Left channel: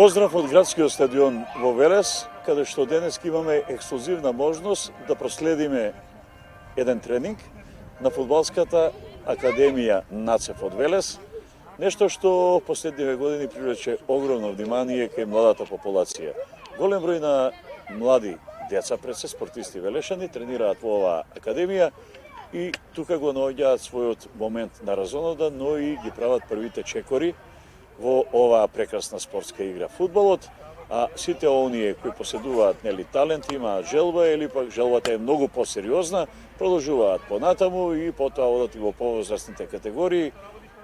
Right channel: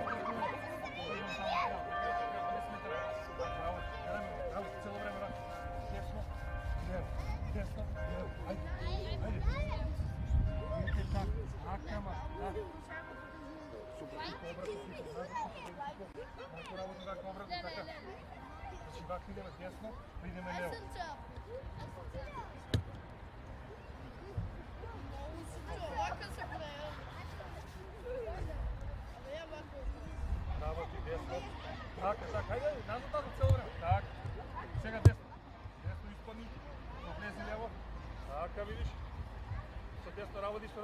Поздрав од градскиот стадион во Велес, каде што денес имаме ексклузивна можност да проследиме еден тренинг на фудбалската академија НАЦЕФ од Велес, нешто што последниве години привлече огромно внимание кај младата популација. Голем број на млади деца, пред се спортисти велешани, тренираат во оваа академија и тука го наоѓаат својот момент на разонода, но и ги прават првите чекори во оваа прекрасна спортска игра фудбалот, а сите оние кои поседуваат талент, имаат желба или пак желбата е многу посериозна, продолжуваат понатаму и потоа одат во повозрастните категории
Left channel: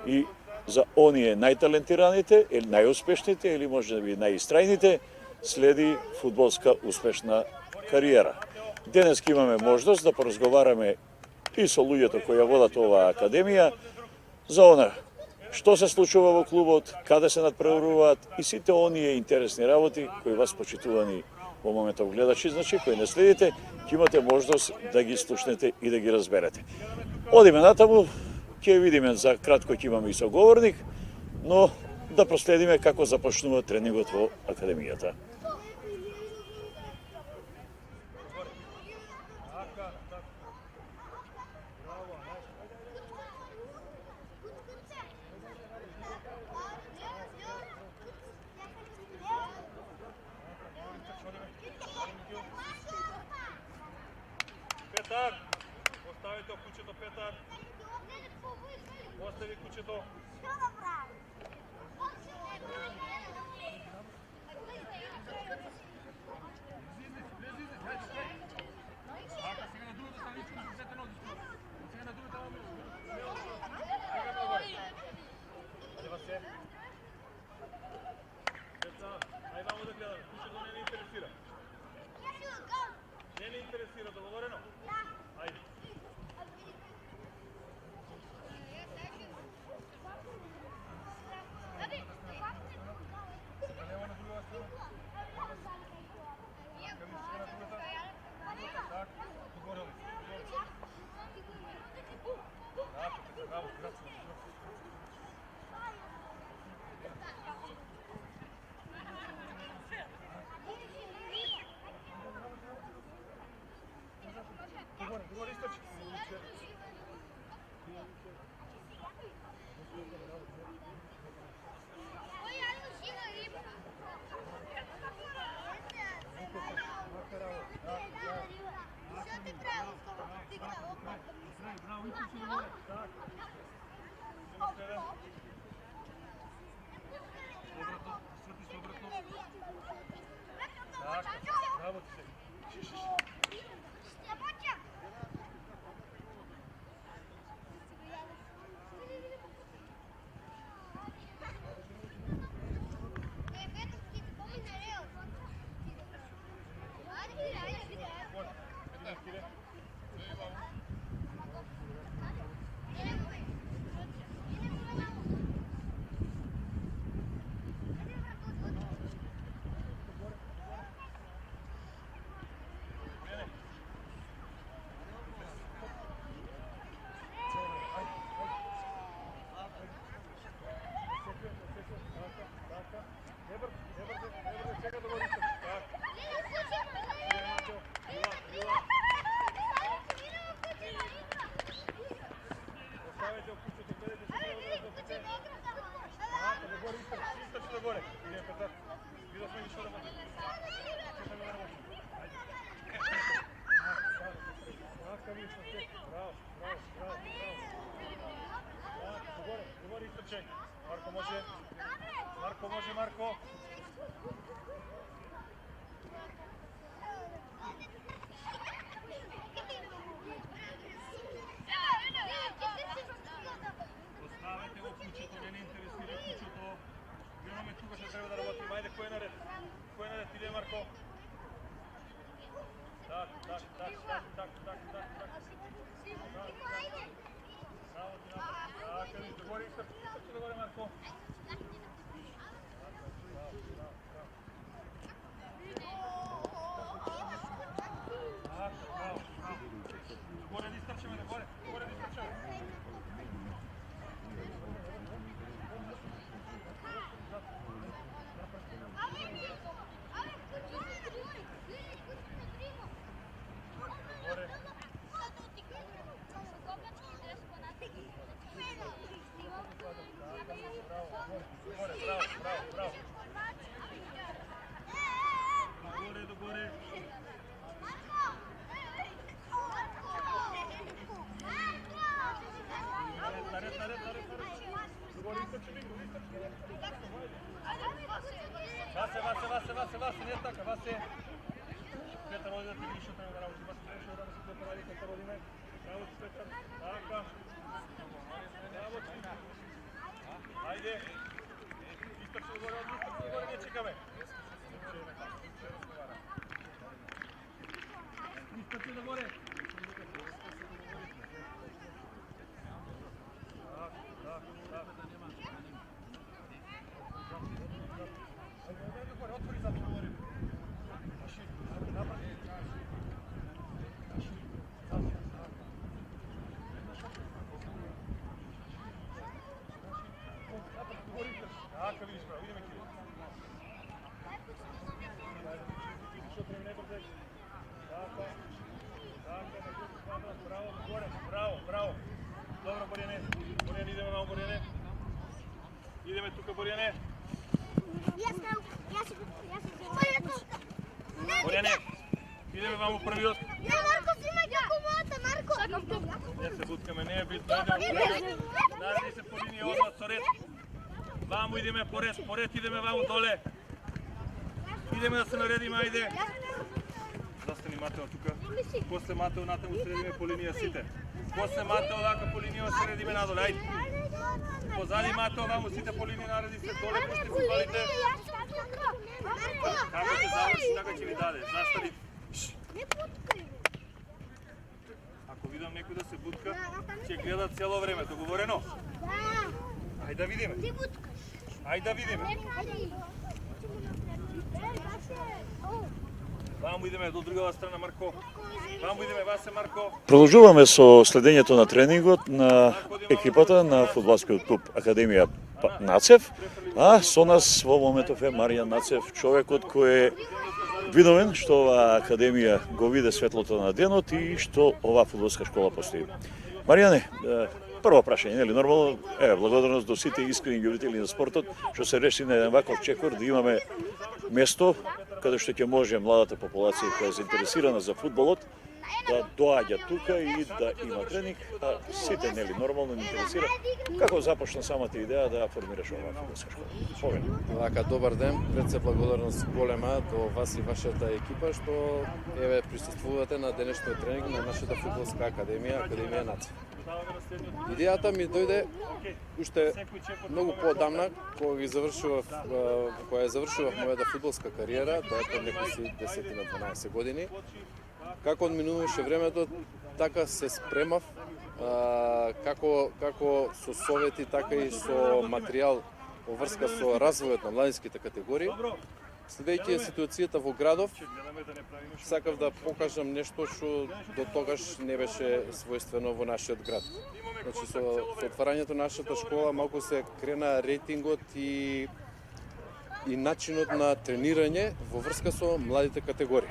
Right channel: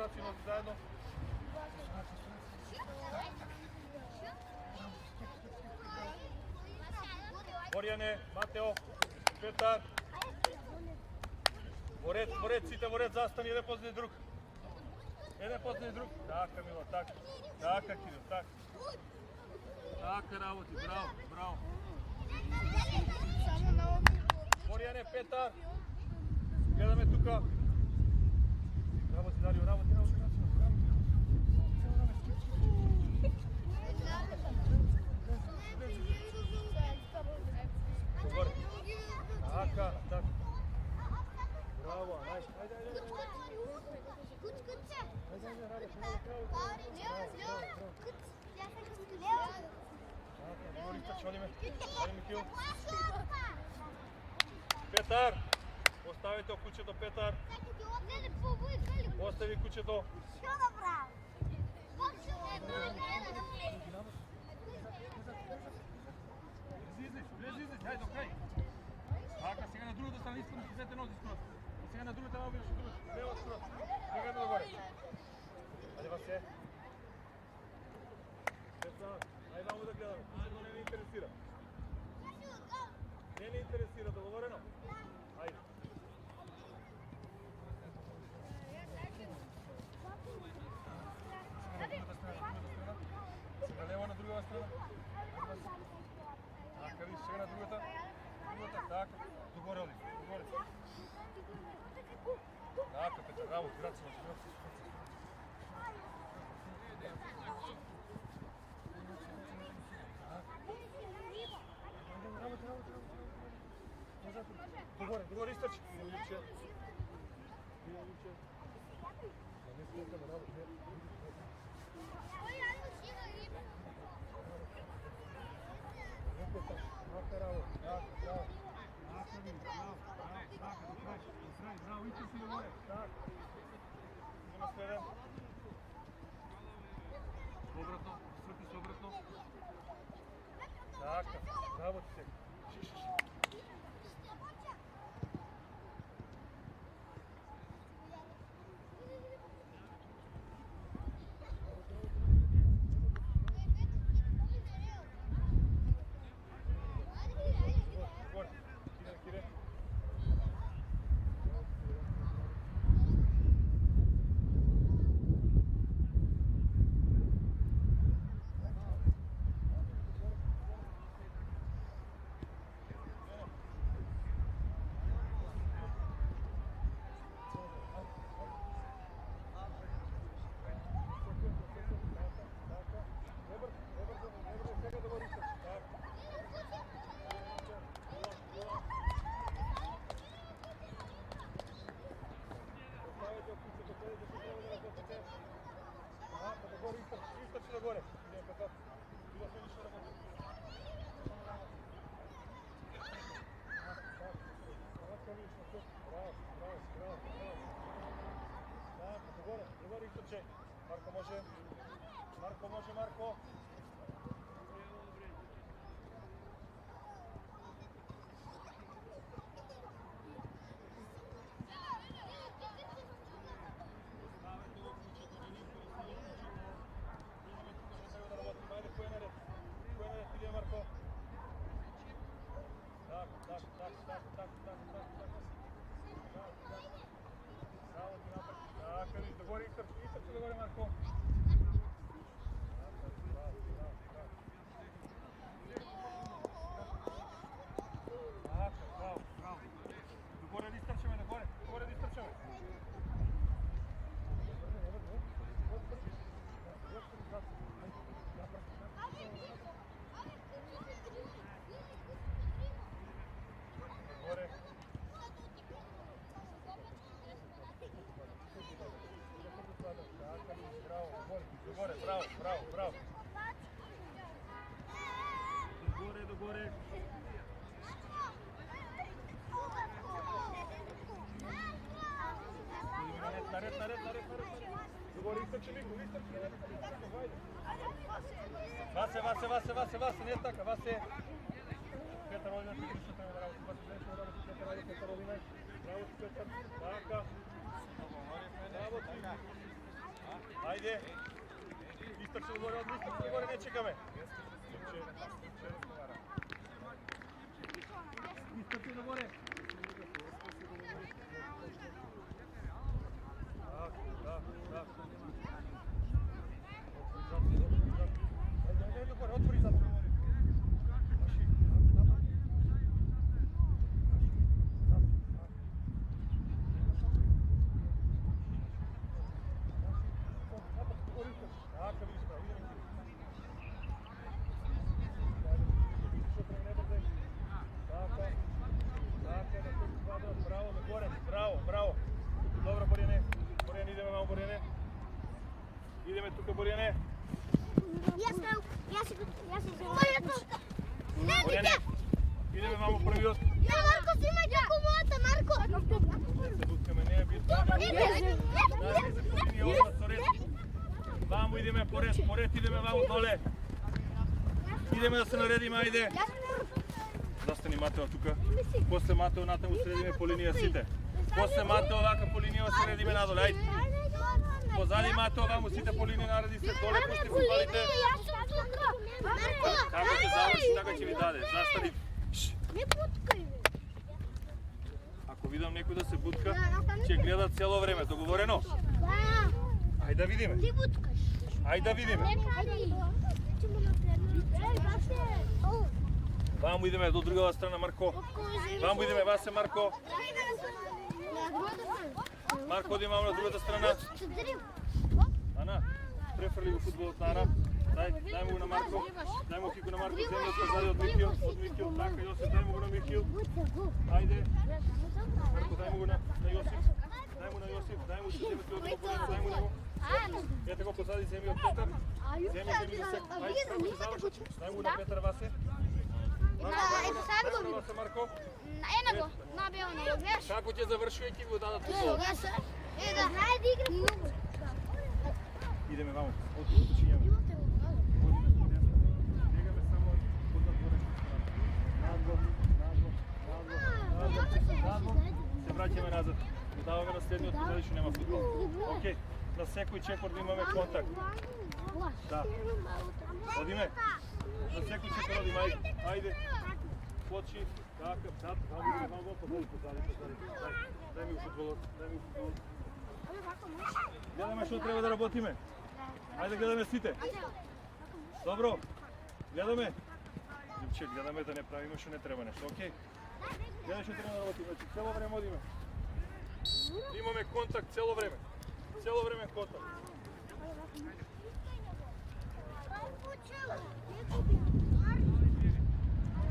и за оние најталентираните или најуспешните или можеби најистрајните следи фудбалска успешна кариера. Денес имаме можност да поразговараме и со луѓето кои ја водат оваа академија за она што се случува во клубот, каде се надпреваруваат и сите оние интересни работи кои вас почитувани во моментов гледачи, значи кои не следите, ќе имате можност да ги слушнете и да ги разберете. Одиме натаму, ќе видиме за кратко, ќе имаме и соговорник, но да проследиме како започнува тренингот во академијата. Петар, оставите кучето, Петар. Остави кучето. Не ме интересира, договорено? Ајде. Сега лево на другата страна. Така, виж, сега на другата. Така, догоре, догоре. Така, браво, браво. Догоре, источи. Браво ти се. Марко може. Марко може, Марко. Оставете го кучето, не ни интересира кучето. Имаме тука што треба да работиме. Ајде, кој е наред? Кој е наред? Иде, Марко. Так. Marko. Gore da istrčemo, gore da istrčemo. Bravo. Do gore. Nared. Do gore istrčimo. Vase, nije tako, Vase. Petar, ovdje ti više treba da raditi. Petar, radite Karolina. Bravo ti, Petar. Taka. Bravo ti. Ajde. Istrčimo gore, ne čekame. Istrčimo gore. Da. Ajde gore, otvori zapčemo gore. Tako vidiš, idemo ti. Što prema najbrže. Tako, bravo, do gore, bravo. Dobro, Borjane, idemo malo, Borjane. Ideme tuka, Borjane. Borjane, ideme malo prvi osk. Marko, snimaj kako mota, Marko! Ne se butkame, ne je bitno. Dajte se po liniji odmah, Soret. Vamo ideme pored, ideme vamo dole. Ideme da se naredimo, ajde. Zastani Mateo tuka. Posle Mateo natamo sredime po linija site. Posle Mateo laka po linija sredime nadole, ajde. Pozadi Mateo vamo site po liniji naredi se dole, pusti kupalite. Kako će završi, tako će vi dade. Zastani. Ako vidim neko da se butka, će gledat cijelo vreme, dogovoreno? Ajde da vidime. Ajde da vidime. Vamo ideme do другата страна, Марко. Вамо идеме, Васе, Марко. Продолжуваме со следењето на тренингот на екипата на фудбалскиот клуб Академија Нацев, а со нас во моментов е Маријан Нацев, човекот кој е видовен што оваа академија го виде светлото на денот и што оваа фудбалска школа постои. Маријане, прво прашање, нели нормално, благодарност до сите искрени љубители на спортот што се реши на еден ваков чекор да имаме место каде што ќе може младата популација која е заинтересирана за фудбалот да доаѓа тука и да има тренинг, да сите нели нормално не интересира. Како започна самата идеја да формираш оваа? Вака, добар ден, пред се благодарност голема до вас и вашата екипа што еве присуствувате на денешниот тренинг на нашата фудбалска академија Нацев. Идејата ми дојде уште многу поодамна кога ја завршував мојата фудбалска кариера, тоа е преди 10-12 години. Како одминуваше времето, така се спремав, како со совети, така и со материјал во врска со развојот на младинските категории. Следејќи ситуацијата во градов, сакав да покажам нешто што до тогаш не беше својствено во нашиот град. Значи, со отварањето на нашата школа малку се крена рейтингот и начинот на тренирање во врска со младите категории.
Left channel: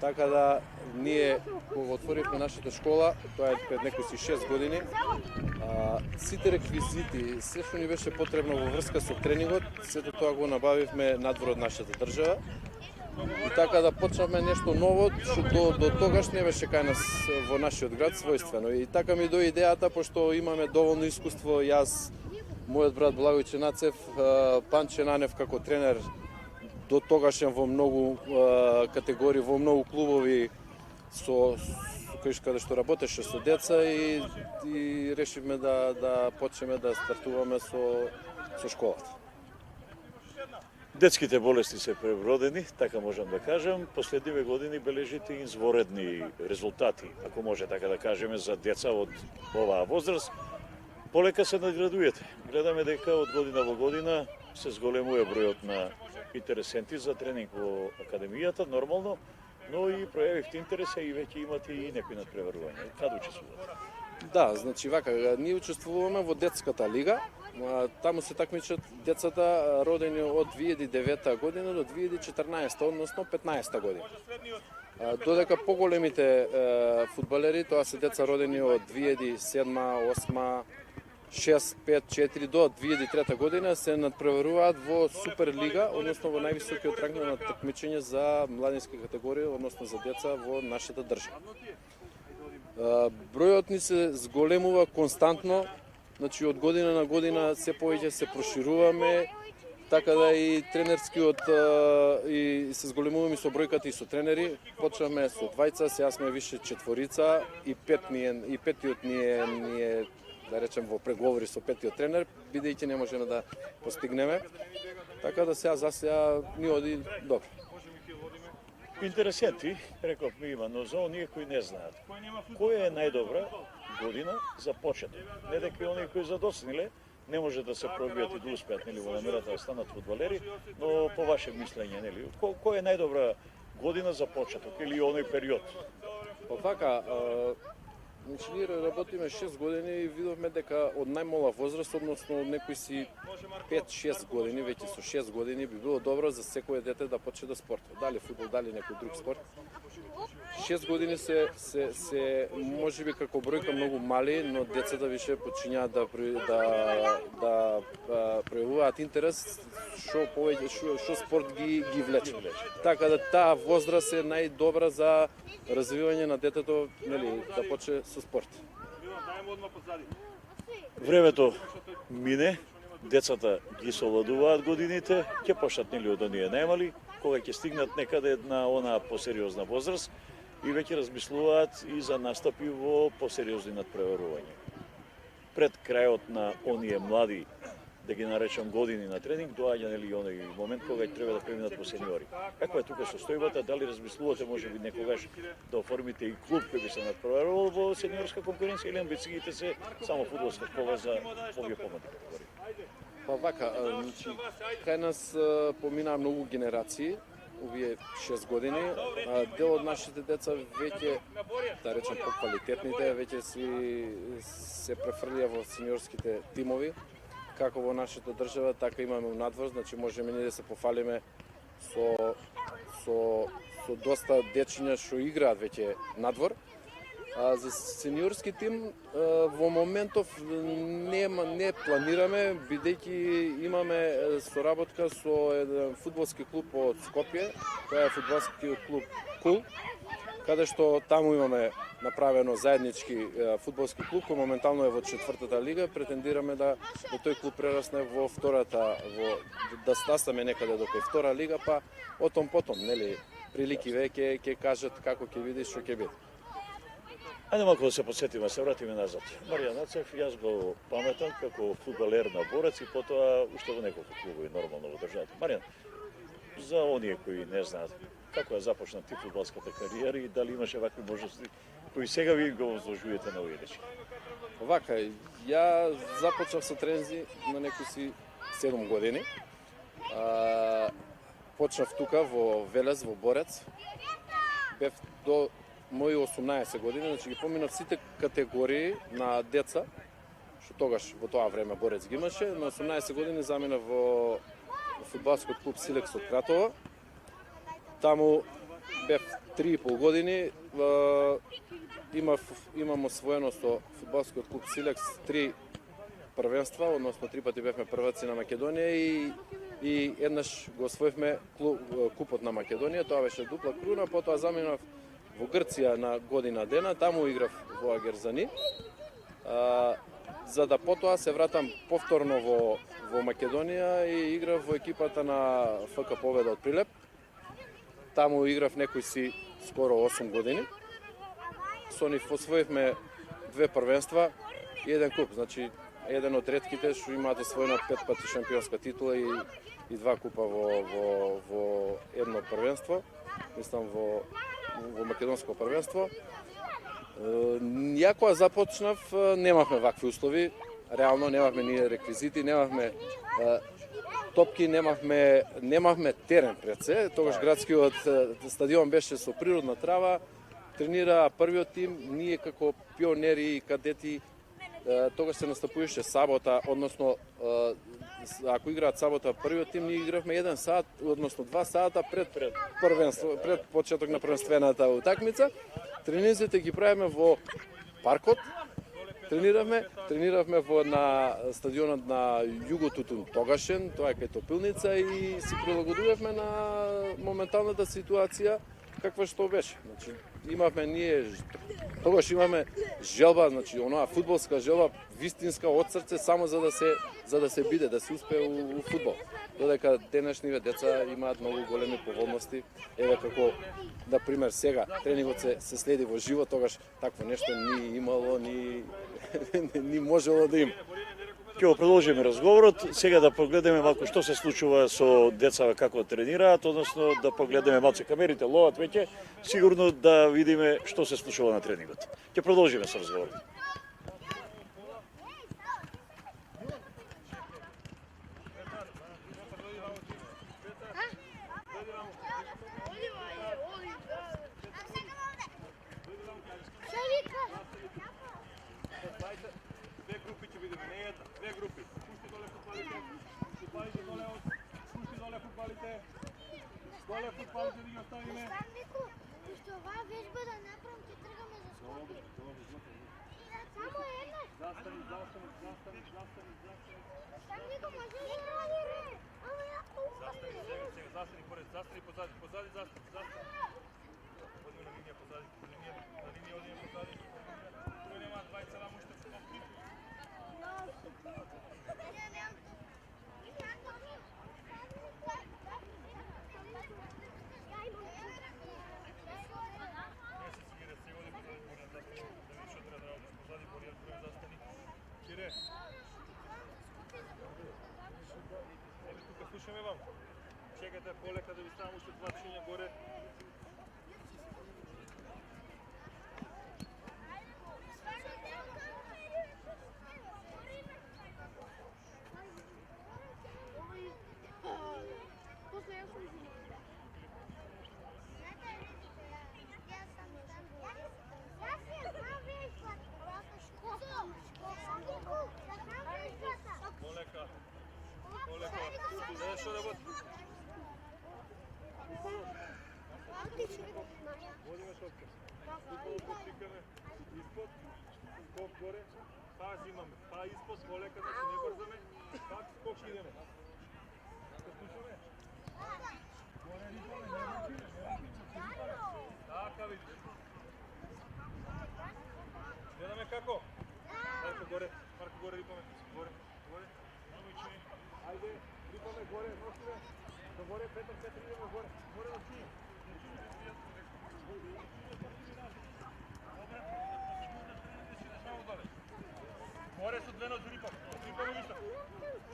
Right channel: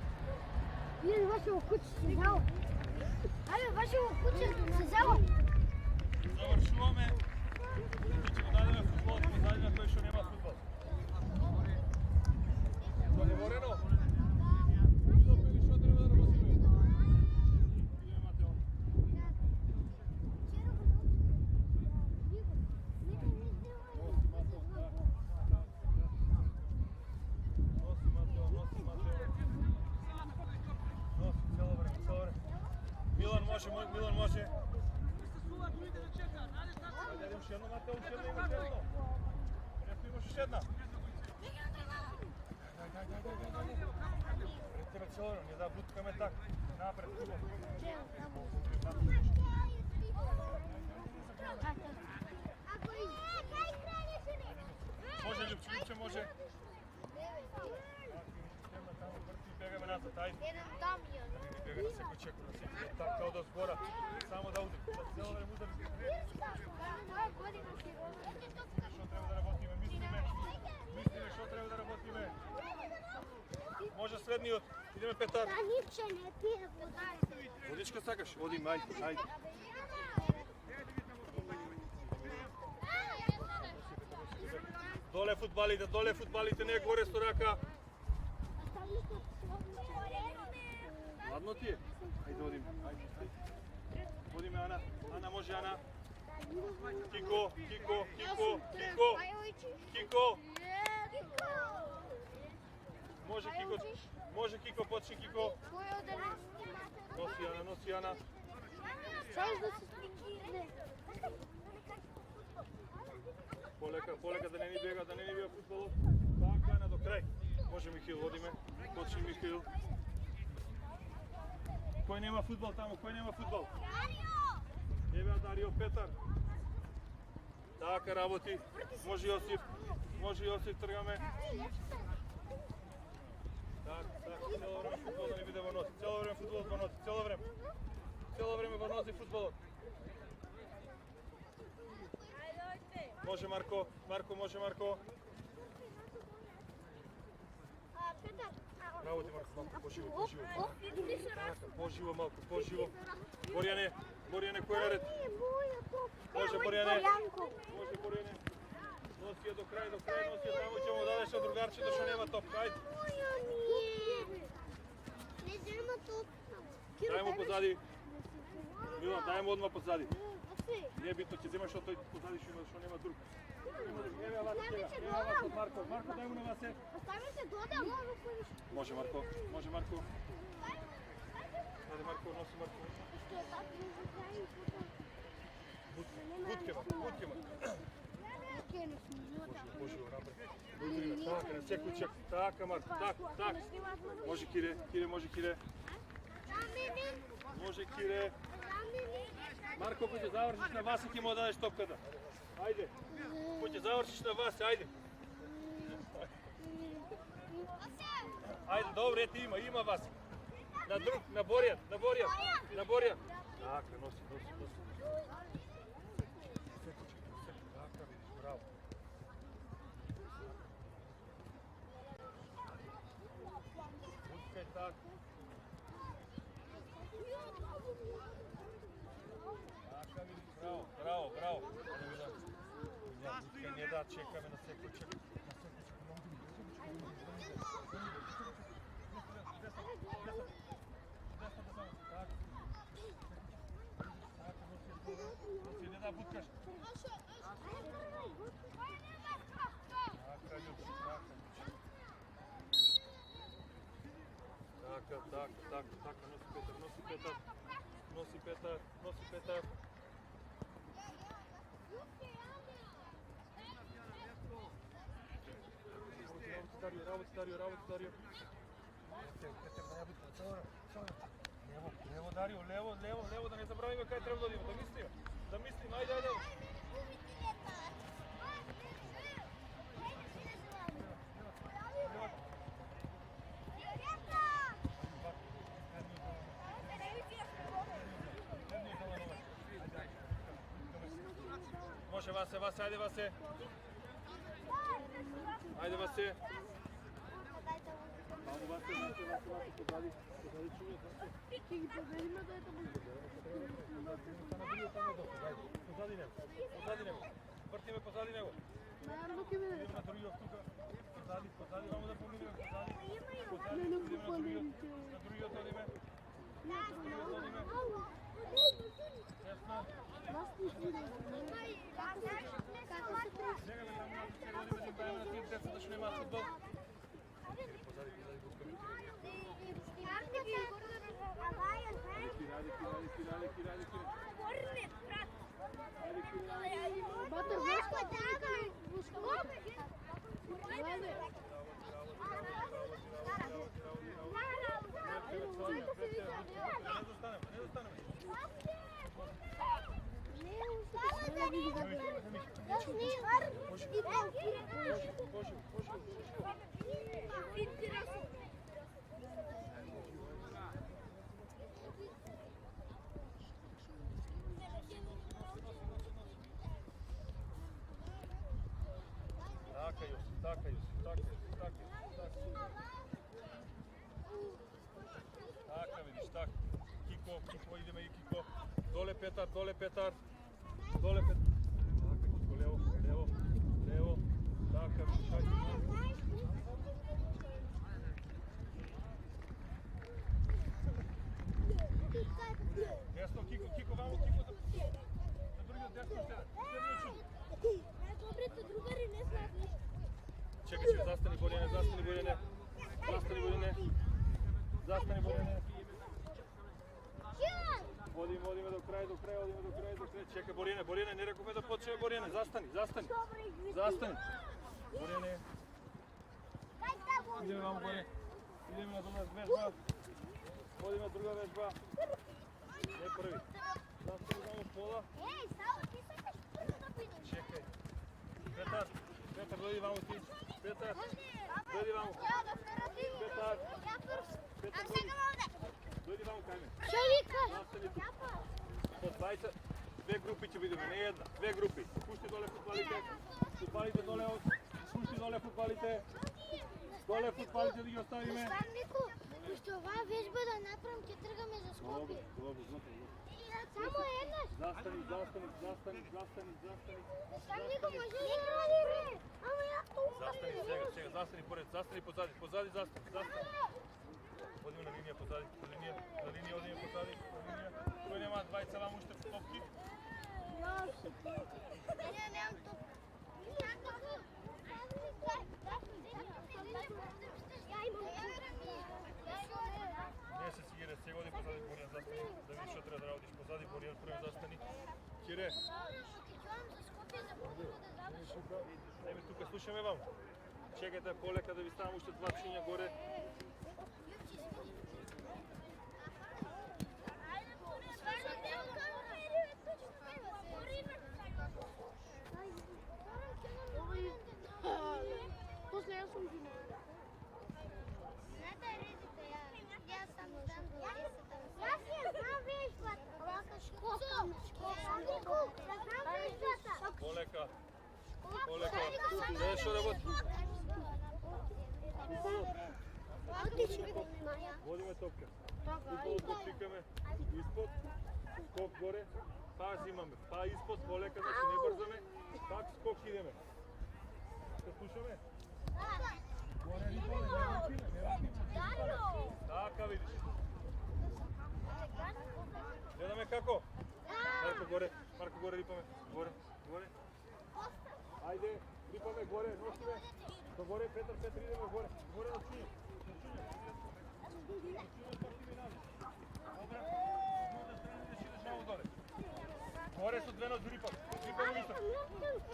Така да ние кога отворивме нашата школа, тоа е пред некои 6 години, сите реквизити, се што ни беше потребно во врска со тренингот, сето тоа го набавивме надвор од нашата држава. И така да почнавме нешто ново, што до тогаш не беше кај нас во нашиот град својствено. И така ми дојде идејата, пошто имаме доволно искуство, јас, мојот брат Благојче Нацев, Панче Нанев како тренер, до тогашен во многу категории, во многу клубови каде што работеше со деца и решивме да почнеме да стартуваме со школата. Детските болести се пребродени, така можам да кажем. Последниве години бележите изворедни резултати, ако може така да кажеме, за деца од оваа возраст. Полека се надградуете. Гледаме дека од година во година се зголемува бројот на интересенти за тренинг во академијата, нормално, но и пројавивте интерес и веќе имате и некои надпреварувања. Каде учествувате? Да, значи вака, ние учествуваме во детската лига. Таму се такмичат децата родени од 2009 година до 2014, односно 15 година. Додека поголемите фудбалери, тоа се деца родени од 2007, 2008, 6, 5, 4 до 2003 година се надпреваруваат во Суперлига, односно во највисокиот ранг на такмичење за младински категории, односно за деца во нашата држава. Бројот ни се зголемува константно, значи од година на година се повеќе се прошируваме, така да и тренерскиот и се зголемуваме со бројката и со тренери. Почнаме со двајца, сега сме више четворица и петиот ни е да речем во преговори со петиот тренер, бидејќи не можеме да постигнеме. Така да сега ни оди добро. Интересенти, рековме има, но за оние кои не знаат, која е најдобра година за почеток? Не дека оние кои задоцниле не може да се пробијат и да успеат, нели, во намера да станат фудбалери, но по ваше мислење, нели, која е најдобра година за почеток или оној период? Вака, ние работиме 6 години и видовме дека од најмала возраст, односно од некои си 5-6 години, веќе со 6 години би било добро за секое дете да почне да спортува. Дали фудбал, дали некој друг спорт. 6 години се можеби како бројка многу мали, но децата више почињаат да пројавуваат интерес што повеќе што спорт ги влече. Така да таа возраст е најдобра за развивање на детето, нели, да почне со спорт. Времето мине, децата ги совладуваат годините, ќе почнат нели од оние најмали, кога ќе стигнат некаде на онаа посериозна возраст и веќе размислуваат и за настапи во посериозни надпреварувања. Пред крајот на оние млади, да ги наречам години на тренинг, доаѓа нели оној момент кога ќе треба да преминат во сениори. Како е тука состојбата, дали размислувате можеби некогаш да оформите и клуб кој би се надпреварувал во сениорска конкуренција или амбициите се само фудбалска школа за овие помлади? Па вака, кај нас поминаа многу генерации, овие 6 години, дел од нашите деца веќе, да речем, квалитетните, веќе се префрлија во сениорските тимови, како во нашата држава, така имаме надвор, значи можеме ние да се пофалиме со доста дечиња што играат веќе надвор. А за сениорски тим во моментов не планираме, бидејќи имаме соработка со еден фудбалски клуб од Скопје, тоа е фудбалскиот клуб Кул, каде што таму имаме направено заеднички фудбалски клуб, кој моментално е во 4-та лига. Претендираме да тој клуб прерасне во втората, да стасаме некаде до 2-та лига, па отом потом, нели, прилики веќе ќе кажат како ќе видиш што ќе биде. Ајде малку да се подсетиме, се вратиме назад. Маријан Нацев, јас го паметам како фудбалер на Борец и потоа уште во неколку клубови нормално во државата. Маријан, за оние кои не знаат како ја започна ти фудбалската кариера и дали имаше вакви можности кои сега ви го возложувате на овие речи? Вака, ја започнав со трензи на некои си 7 години. Почнав тука во Велес, во Борец. Бев до мои 18 години, значи ги поминав сите категории на деца, што тогаш во тоа време Борец ги имаше. На 18 години заминав во фудбалскиот клуб Силекс од Кратово. Таму бев 3,5 години. Имам освоено со фудбалскиот клуб Силекс 3 првенства, односно 3 пати бевме прваци на Македонија и еднаш го освоивме купот на Македонија, тоа беше дупла круна, потоа заминав во Грција на година дена, таму играв во Агерзани, за да потоа се вратам повторно во Македонија и играв во екипата на ФК Победа од Прилеп. Таму играв некои си скоро 8 години. Со нив освоивме 2 првенства и 1 куп, значи еден од ретките што имаат освоена 5 пати шампионска титула и 2 купа во едно првенство, мислам во македонско првенство. Ја кога започнав немавме вакви услови, реално немавме ние реквизити, немавме топки, немавме терен пред се. Тогаш градскиот стадион беше со природна трава, тренира првиот тим, ние како пионери и кадети тогаш се настапуваше сабота, односно ако играат сабота првиот тим, ние игравме 1 сат, односно 2 сата пред почеток на првенствената утакмица. Тренинзите ги правиме во паркот. Трениравме на стадионот на Југо Тутун тогашен, тоа е кај топилница и си прилагодувавме на моменталната ситуација каква што беше. Значи, тогаш имаме желба, значи онаа фудбалска желба, вистинска од срце, само за да се биде, да се успее у фудбал. Додека денешниве деца имаат многу големи поволности, еве како на пример сега тренингот се следи во живо, тогаш такво нешто ни имало, ни можело да има. Ќе го продолжиме разговорот, сега да погледнеме малку што се случува со децата како тренираат, односно да погледнеме малку камерите ловат веќе, сигурно да видиме што се случува на тренингот. Ќе продолжиме со разговорот. Две групи ќе бидеме, не една, две групи. Пушти доле футбалите, футбалите доле, пушти доле футбалите. Доле футбалите да ги оставиме. Наставнику, уште оваа вежба да направам, ќе тргаме за Скопје. Само една. Застани. Наставнику, може ли да радиме? Ама ја Застани, застани поред, застани позади, застани. Одиме на линија позади, на линија одиме позади, Кој нема двајца вам уште топки? Не, немам топки. Не се Сигире, сега оди позади Боријан, застани, да видиш што треба да работиш позади Боријан, прво застани. Кире. Еме тука слушаме вам. Чекајте полека да ви ставам уште два чинја горе. После јас сум жена. Знаете, видите, јас сам там до 10. Јас ја знам вејствата. Овака школа. Полека. Знаеш што да води? Водиме топка. Футболот чикаме испод, скок горе, па зимаме, па испод, полека, значи не брзаме, пак скок идеме. Се слушаме? Така виж. Гледаме како? Марко горе рипаме. Горе. Ајде, рипаме горе, носиме. До горе, Петър, се тридеме горе. Горе на чини. Горе со две нози рипам. Рипаме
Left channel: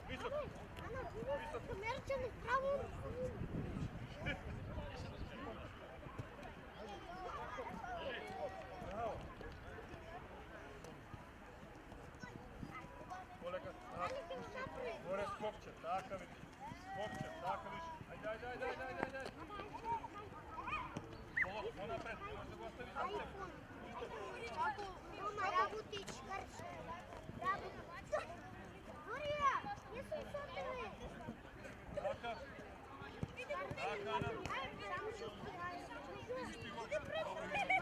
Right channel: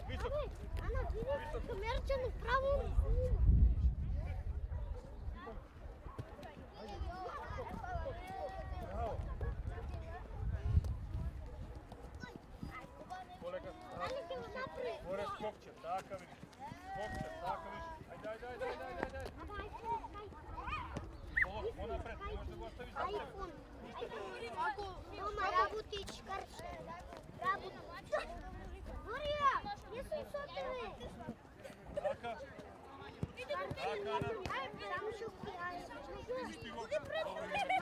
висок. Камерче ми право. Горе скокче, така виж. Ајде. По напред, може да го оставиш напред. Мама, работич, карче. Борија, не сум со тебе. Само што Буди пред мене.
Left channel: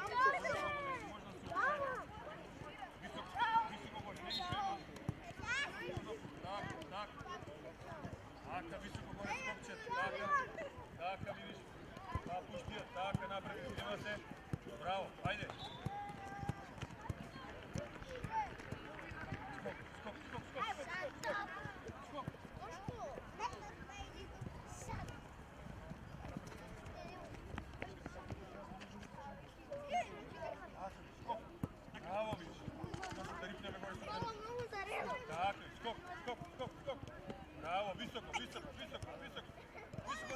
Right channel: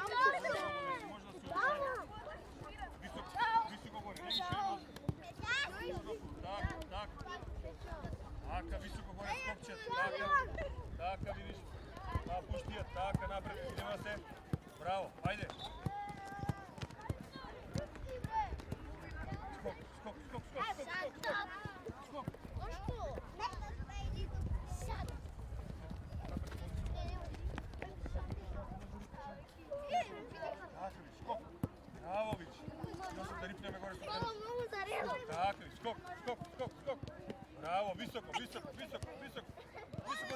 Така, високо горе скокче, така видиш. Пустија, така напред, идемо се. Браво, ајде. Браво, виж. Да рипнеме горе со така, скок. Браво, високо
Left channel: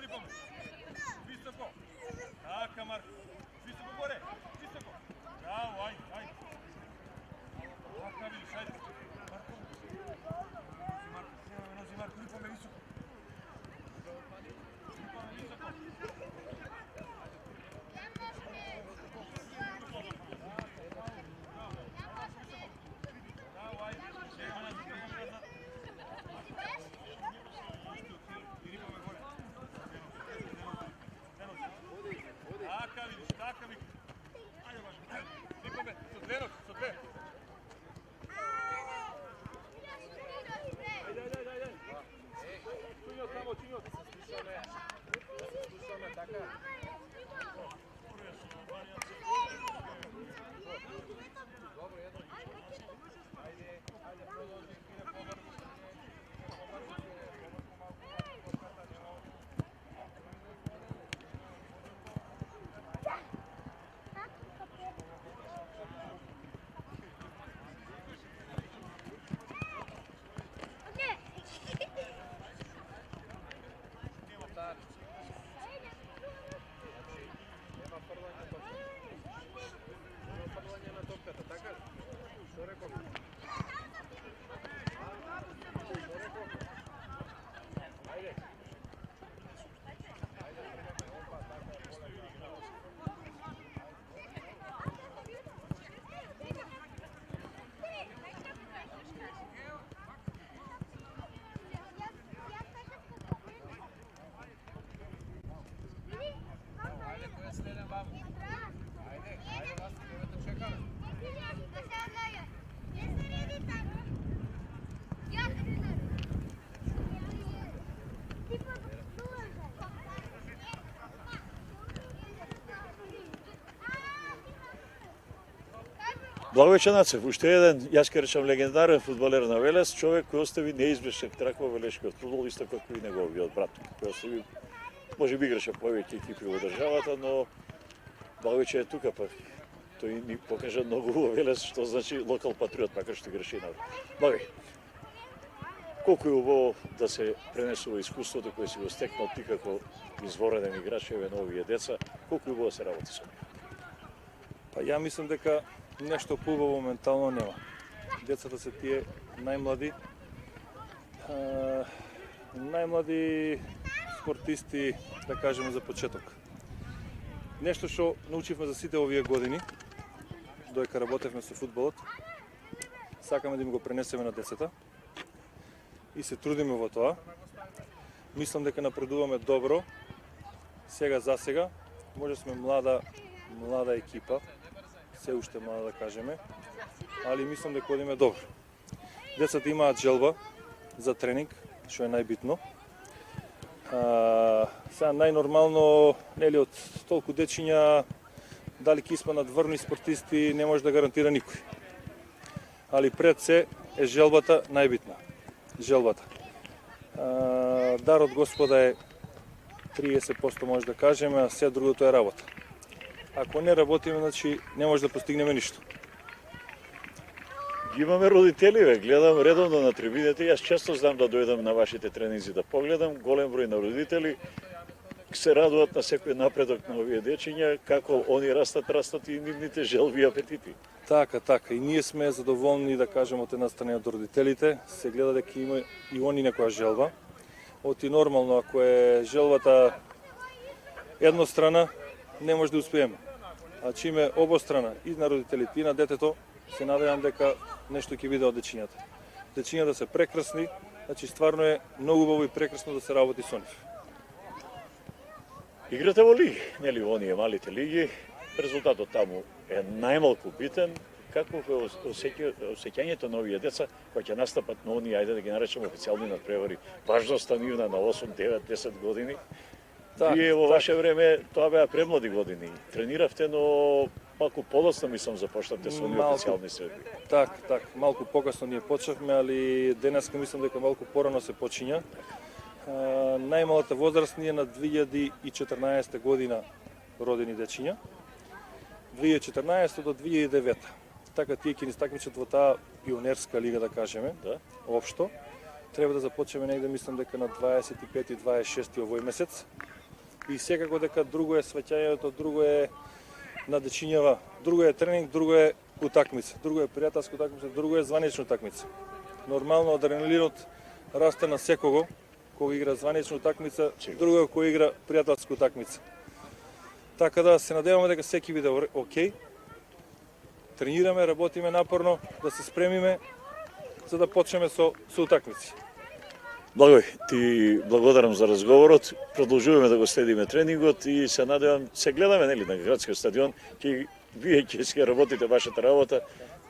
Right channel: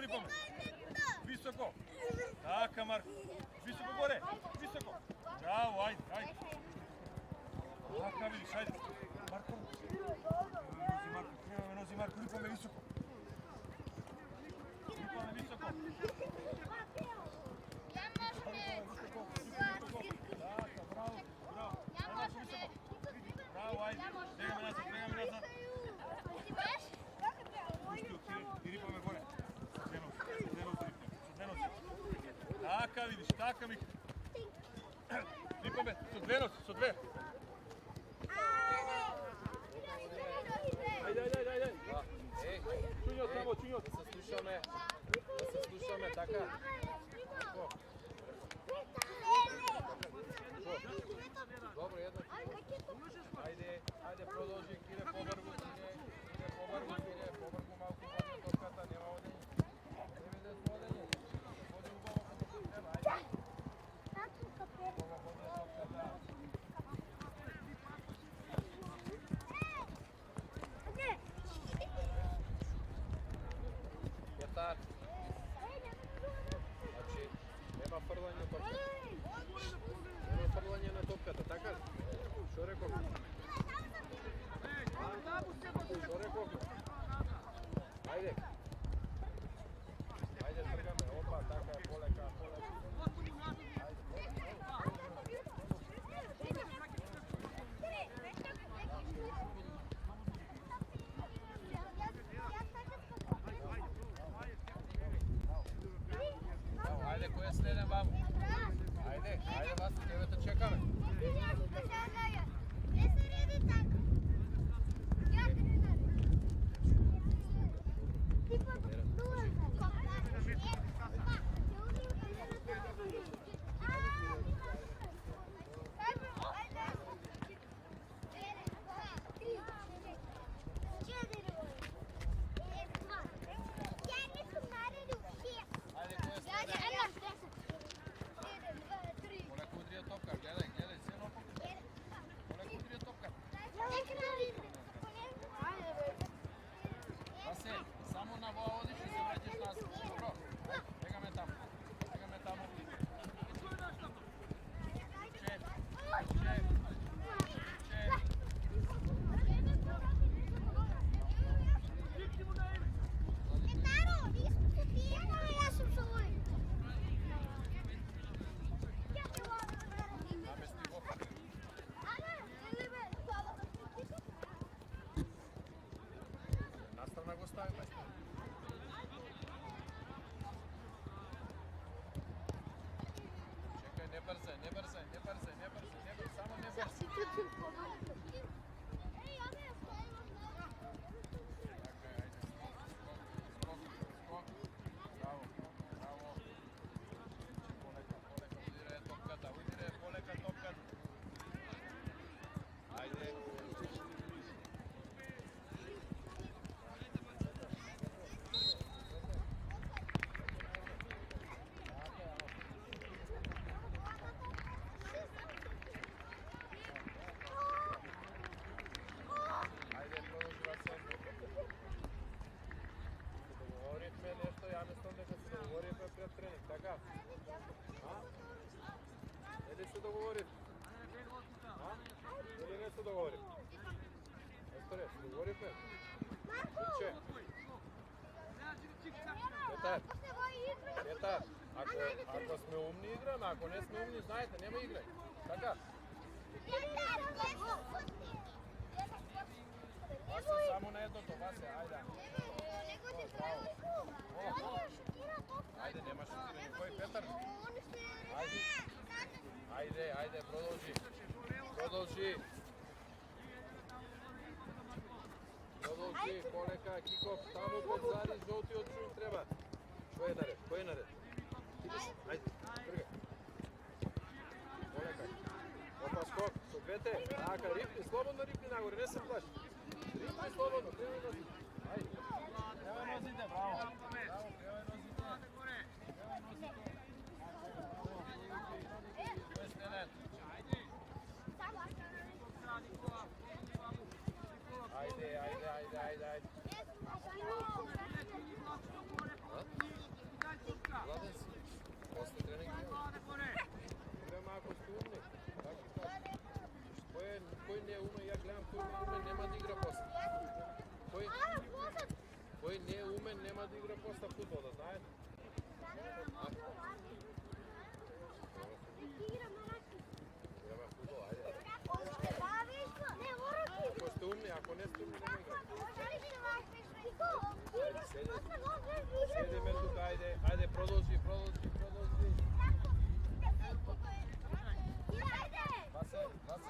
рипаме. Високо. Така, Марко. Високо горе. Браво, ајде. Така видиш, ајде. Марко. Ласка ми. Липаме, со две носи, со две. Ајде. Синьо. Да се слушаме така. Добро, едно. Ајде, продолжи, кире побрзо, побрзо малку падна топката, нема оди. Јатар. Значи, нема фрлање топката. Нема фрлање на топката, така ли? Што реков? Што реков? Ајде. Ајде, тргаме. Опа, така е, полека. Ајде, кој е следен ваму? Ајде, вас, тебе те чекаме. Благовеќе Нацев, уште еден, јас ќе речам легендарен фудбалер на Велес, човек кој остави неизбришен трак во велешкиот фудбал, исто како и неговиот брат, кој остави, може би играше повеќе екипи во државата, но Благовеќе е тука, па тој ни покажа многу во Велес, што значи локал патриот, така што играше и на Благовеќе. Колку е убаво да се пренесува искуството кој си го стекнал ти како извореден играч и на овие деца, колку е убаво се работи со него? Па ја мислам дека нешто хубаво моментално нема. Децата се тие најмлади спортисти, да кажеме за почеток. Нешто што научивме за сите овие години, додека работевме со фудбалот, сакаме да им го пренесеме на децата и се трудиме во тоа. Мислам дека напредуваме добро. Сега за сега, може сме млада екипа, се уште млада да кажеме, али мислам дека одиме добро. Децата имаат желба за тренинг, што е најбитно. Сега најнормално, нели, од толку дечиња, дали ќе испаднат врни спортисти, не може да гарантира никој. Али пред се е желбата најбитна. Желбата. Дар од Господа е 30% може да кажеме, а се другото е работа. Ако не работиме, значи не може да постигнеме ништо. Имаме родители, гледам редовно на трибините, јас често знам да дојдам на вашите тренинзи да погледам, голем број на родители се радуваат на секој напредок на овие дечиња, како они растат и нивните желби и апетити. Така, и ние сме задоволни, да кажем, од една страна од родителите, се гледа дека има и они некоја желба. Оти нормално, ако е желбата еднострана, не може да успееме. Значи име обострана и на родителите и на детето, се надевам дека нешто ќе биде од дечињата. Дечињата се прекрасни, значи стварно е многу убаво и прекрасно да се работи со нив. Играте во лиги, нели во оние малите лиги, резултатот таму е најмалку битен. Како е осеќањето на овие деца кои ќе настапат на оние, ајде да ги наречеме официјални надпревари, важноста нивна на 8, 9, 10 години? Вие во ваше време тоа беа премлади години. Трениравте, но малку подоцна мислам започнавте со оние официјални средби. Так, малку покасно ние почнавме, али денеска мислам дека малку порано се почиња. Најмалата возраст ни е на 2014 година родени дечиња. 2014 до 2009. Така тие ќе ни стакмичат во таа пионерска лига, да кажеме, општо. Треба да започнеме негде, мислам дека на 25 и 26 овој месец. И секако дека друго е сваќањето, друго е на дечињава, друго е тренинг, друго е утакмица, друго е пријателска утакмица, друго е званична утакмица. Нормално адреналинот расте на секого кој игра званична утакмица, друго е кој игра пријателска утакмица. Така да се надеваме дека секи биде окей. Тренираме, работиме напорно, да се спремиме за да почнеме со утакмици. Благој, ти благодарам за разговорот. Продолжуваме да го следиме тренингот и се надевам, се гледаме нели на градскиот стадион, вие ќе работите вашата работа,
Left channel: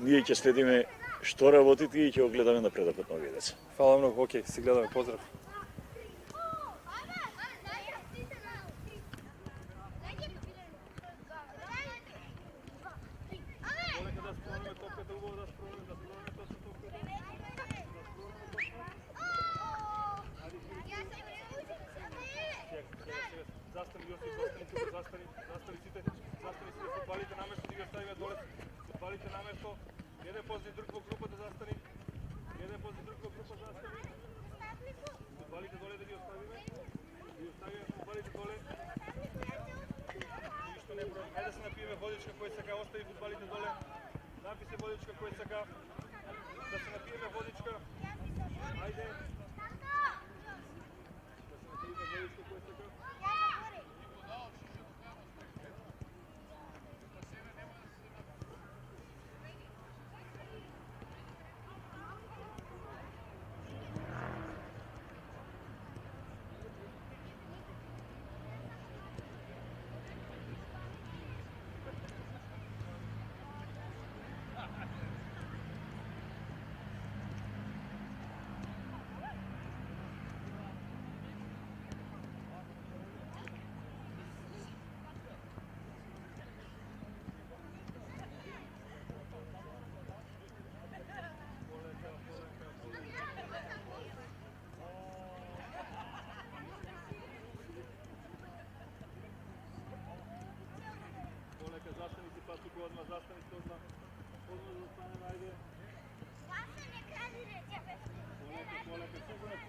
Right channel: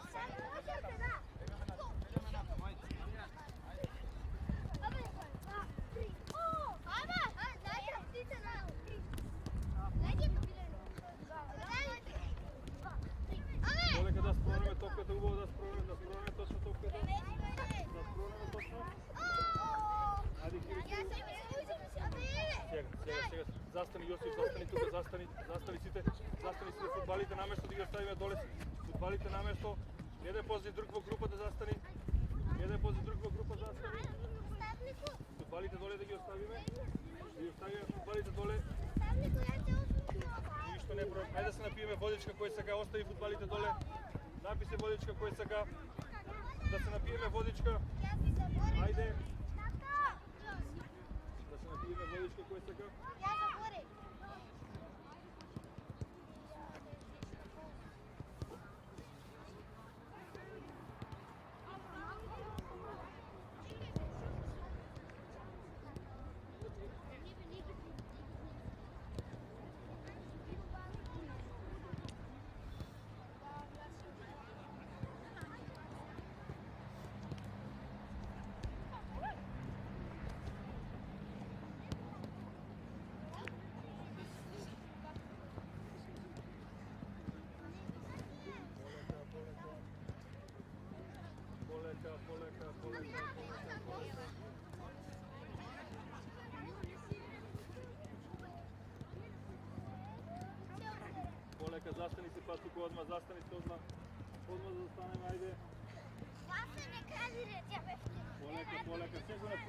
ние ќе следиме што работите и ќе го гледаме напредокот на овие деца. Фала многу, окей, си гледаме, поздрав. Полека да спроваме топката, убаво да спроваме точно топката. Да спроваме точно. Ајде, сега. Застани, Јосиф, застани тука, застани сите фудбалите на место, да ги оставиме доле. Фудбалите на место. Еден позади друг во група да застани. Фудбалите доле да ги оставиме. Фудбалите доле. Ништо не број. Ајде да се напиеме водичка кој сака, остави фудбалите доле. Напи се водичка кој сака. Да се напиеме водичка. Ајде. Да се напиеме водичка кој сака. Полека, застани се па тука одма, застани се одма. Одма да застанеме, ајде. Полека, сега се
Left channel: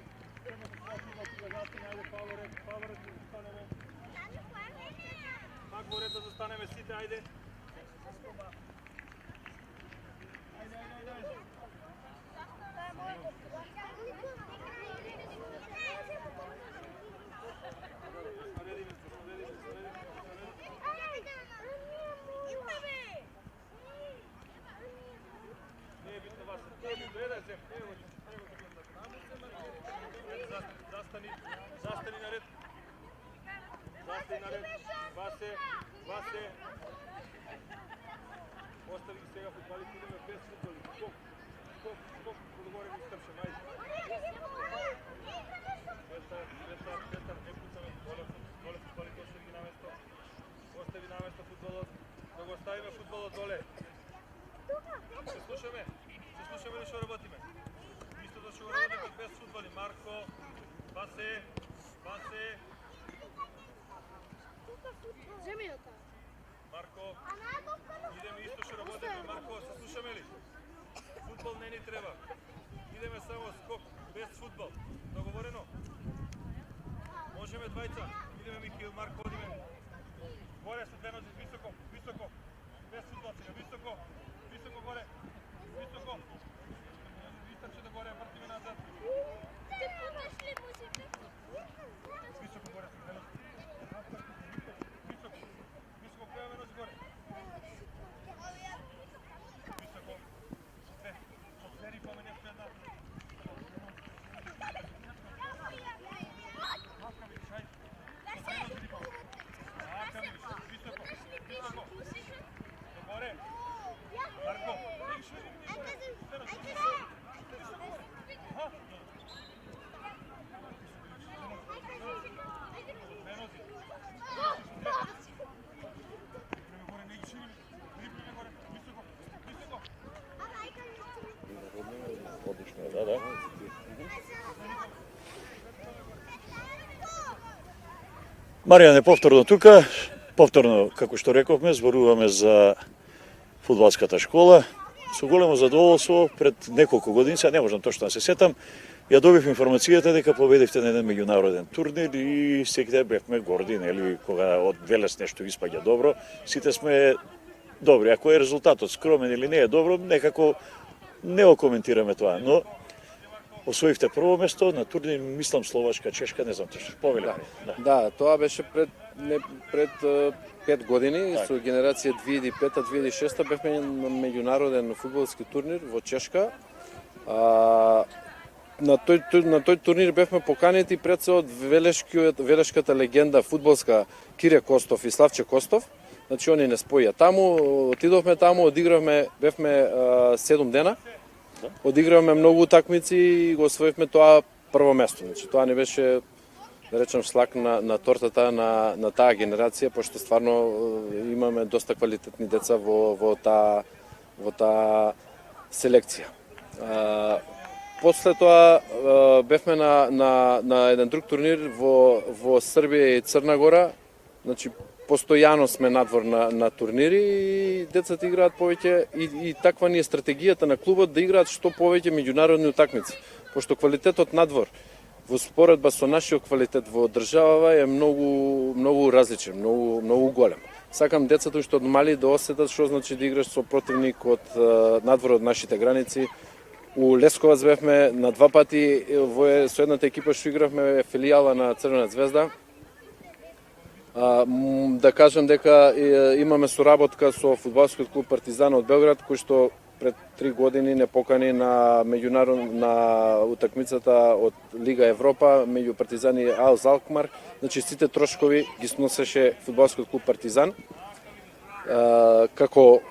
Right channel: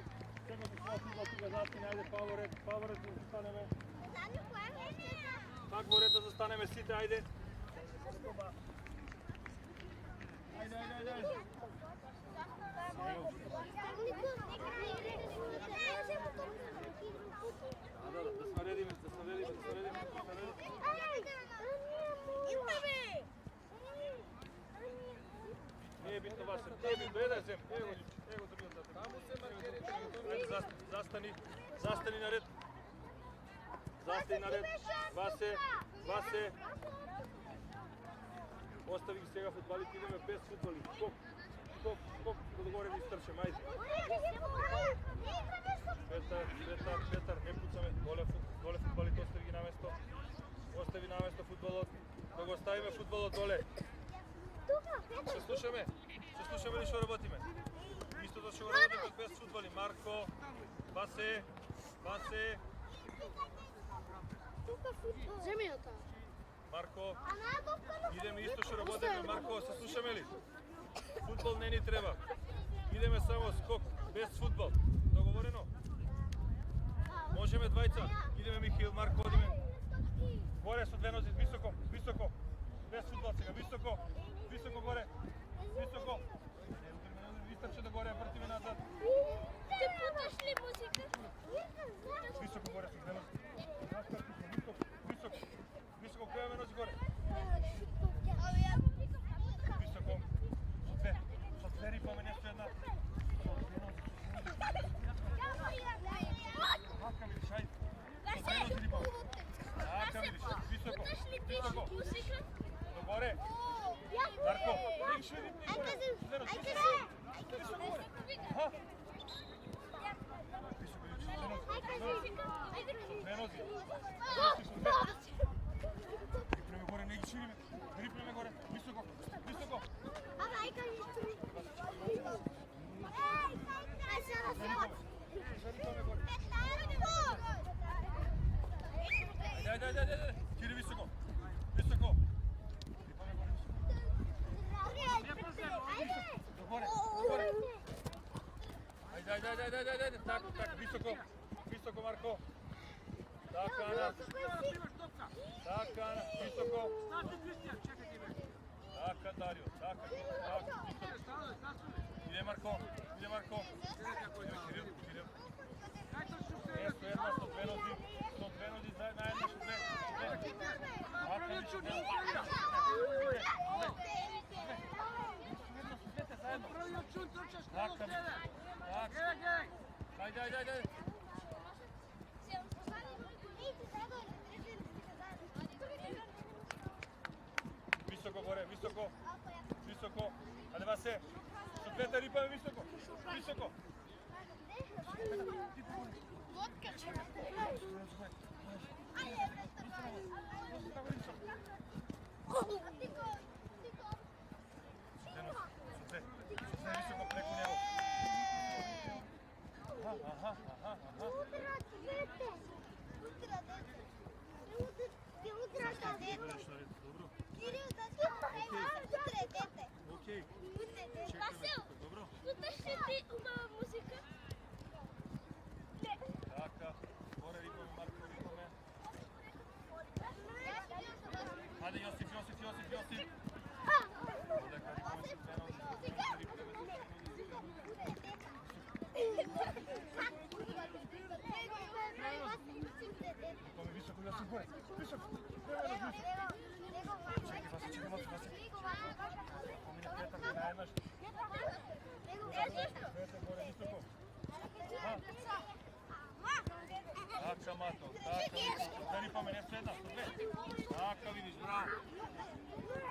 свати тука застани, ајде, Павло ред да застанеме. Пак во ред да застанеме сите, ајде. Ајде. Не е битно Васе, не е битно, зем, застани на ред. Васе. Остави ги сега фудбалите, идеме без фудбали. Скок, догоре да изтрчем, ајде. Петар, не пуцаме, доле фудбалите, остави ги на место. Остави на место фудбалот, да го оставиме фудбалот доле. Се слушаме ли што работиме? Истото што го работиме без фудбали. Марко, Васе. Марко, идеме исто што работиме. Марко, се слушаме ли? Фудбал не ни треба. Идеме само скок, без фудбал. Договорено? Можеме двајца. Идеме Михаил, Марко, одиме. Горе со две нози, високо. Без фудбал сега, високо горе. Високо да горе, вртиме назад. Ти путаш ли музика? Високо горе со две нози. Високо, која ме носи горе? Високо. Со две рипаме, не со една. Мака видиш, ајде. Догоре. Марко, Маријан е повторно тука, како што рековме, зборуваме за фудбалската школа. Со големо задоволство, пред неколку години, не можам точно да се сетам, ја добив информацијата дека победивте на еден меѓународен турнир и секој бевме горди, нели, кога од Велес нешто испаѓа добро, сите сме добри. Ако е резултатот скромен или не е добро, некако не го коментираме тоа, но освоивте прво место на турнир, мислам Словачка, Чешка, не знам точно, повеле. Да, тоа беше пред 5 години, со генерација 2005-2006 бевме на меѓународен фудбалски турнир во Чешка. на тој турнир бевме поканети пред се од велешката легенда фудбалска Кире Костов и Славче Костов. Значи они не споја таму, отидовме таму, одигравме, бевме 7 дена. Одигравме многу утакмици и го освоивме тоа прво место. Значи тоа не беше, да речем, шлак на тортата на таа генерација, пошто стварно имаме доста квалитетни деца во таа селекција. После тоа бевме на еден друг турнир во Србија и Црна Гора. Значи постојано сме надвор на турнири и децата играат повеќе и таква ни е стратегијата на клубот да играат што повеќе меѓународни утакмици. Пошто квалитетот надвор во споредба со нашиот квалитет во државава е многу различен, многу голем. Сакам децата што од мали да осетат што значи да играш со противник од надвор од нашите граници. У Лесковац бевме на 2 пати со едната екипа што игравме филијала на Црвена звезда. Да кажам дека имаме соработка со фудбалскиот клуб Партизан од Белград, кој што пред 3 години не покани на на утакмицата од Лига Европа меѓу Партизан и Алс Алкмар. Значи сите трошкови ги сносеше фудбалскиот клуб Партизан. Како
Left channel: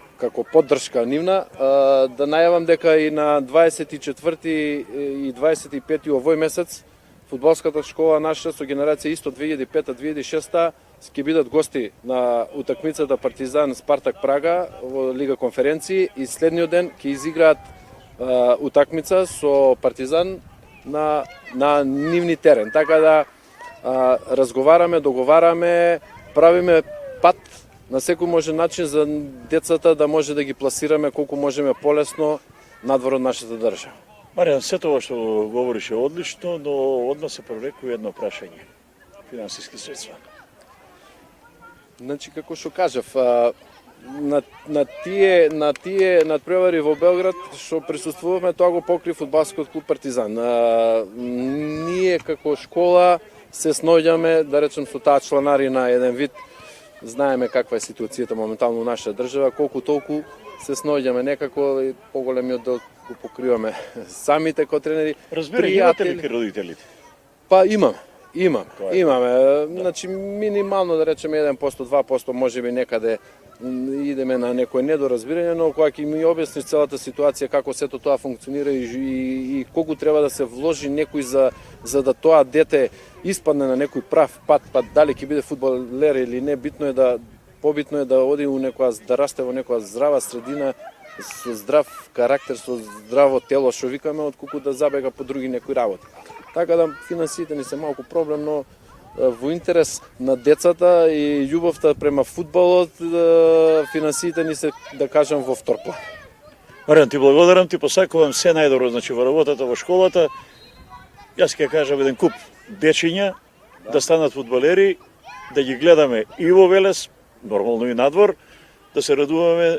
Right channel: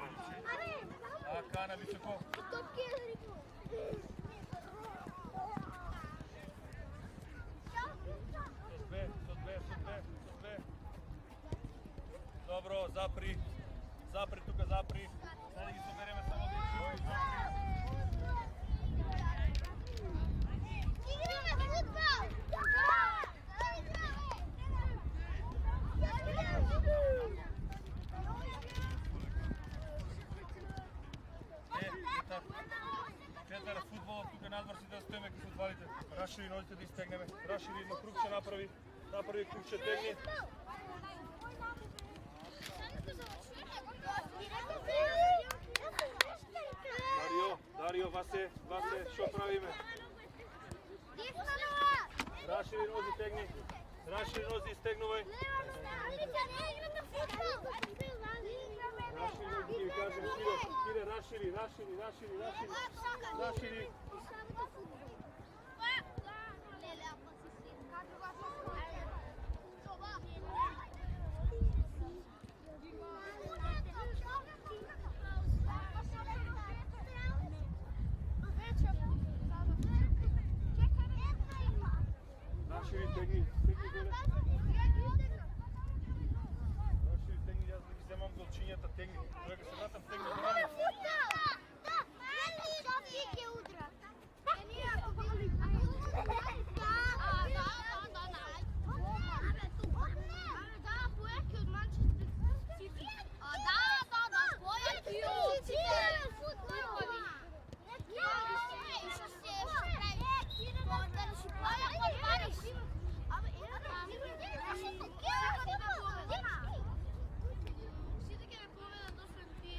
поддршка нивна, да најавам дека и на 24 и 25 овој месец фудбалската школа наша со генерација исто 2005-2006 ќе бидат гости на утакмицата Партизан Спартак Прага во Лига конференции и следниот ден ќе изиграат утакмица со Партизан на нивни терен. Така да разговараме, договараме, правиме пат на секој можен начин за децата да може да ги пласираме колку можеме полесно надвор од нашата држава. Маријан, се тоа што говорише одлично, но одма се превлекува едно прашање. Финансиски средства. Значи, како што кажав, на тие надпревари во Белград што присуствуваме, тоа го покри фудбалскиот клуб Партизан. Ние како школа се сноѓаме, да речем, со таа чланарина еден вид. Знаеме каква е ситуацијата моментално во нашата држава, колку толку се сноѓаме некако и поголемиот дел го покриваме самите како тренери. Разбери, имате ли родителите? Па имаме. Значи минимално да речеме 1%, 2% можеби некаде идеме на некој недоразбирање, но кога ќе ми објасниш целата ситуација како сето тоа функционира и колку треба да се вложи некој за да тоа дете испадне на некој прав пат, па дали ќе биде фудбалер или не, побитно е да оди да расте во некоја здрава средина со здрав карактер, со здраво тело што викаме, отколку да забега по други некои работи. Така да финансиите ни се малку проблем, но во интерес на децата и љубовта према фудбалот, финансиите ни се, да кажам, во втор план. Маријан, ти благодарам, ти посакувам се најдобро, значи во работата во школата. Јас ќе кажам еден куп дечиња да станат фудбалери, да ги гледаме и во Велес, нормално и надвор, да се радуваме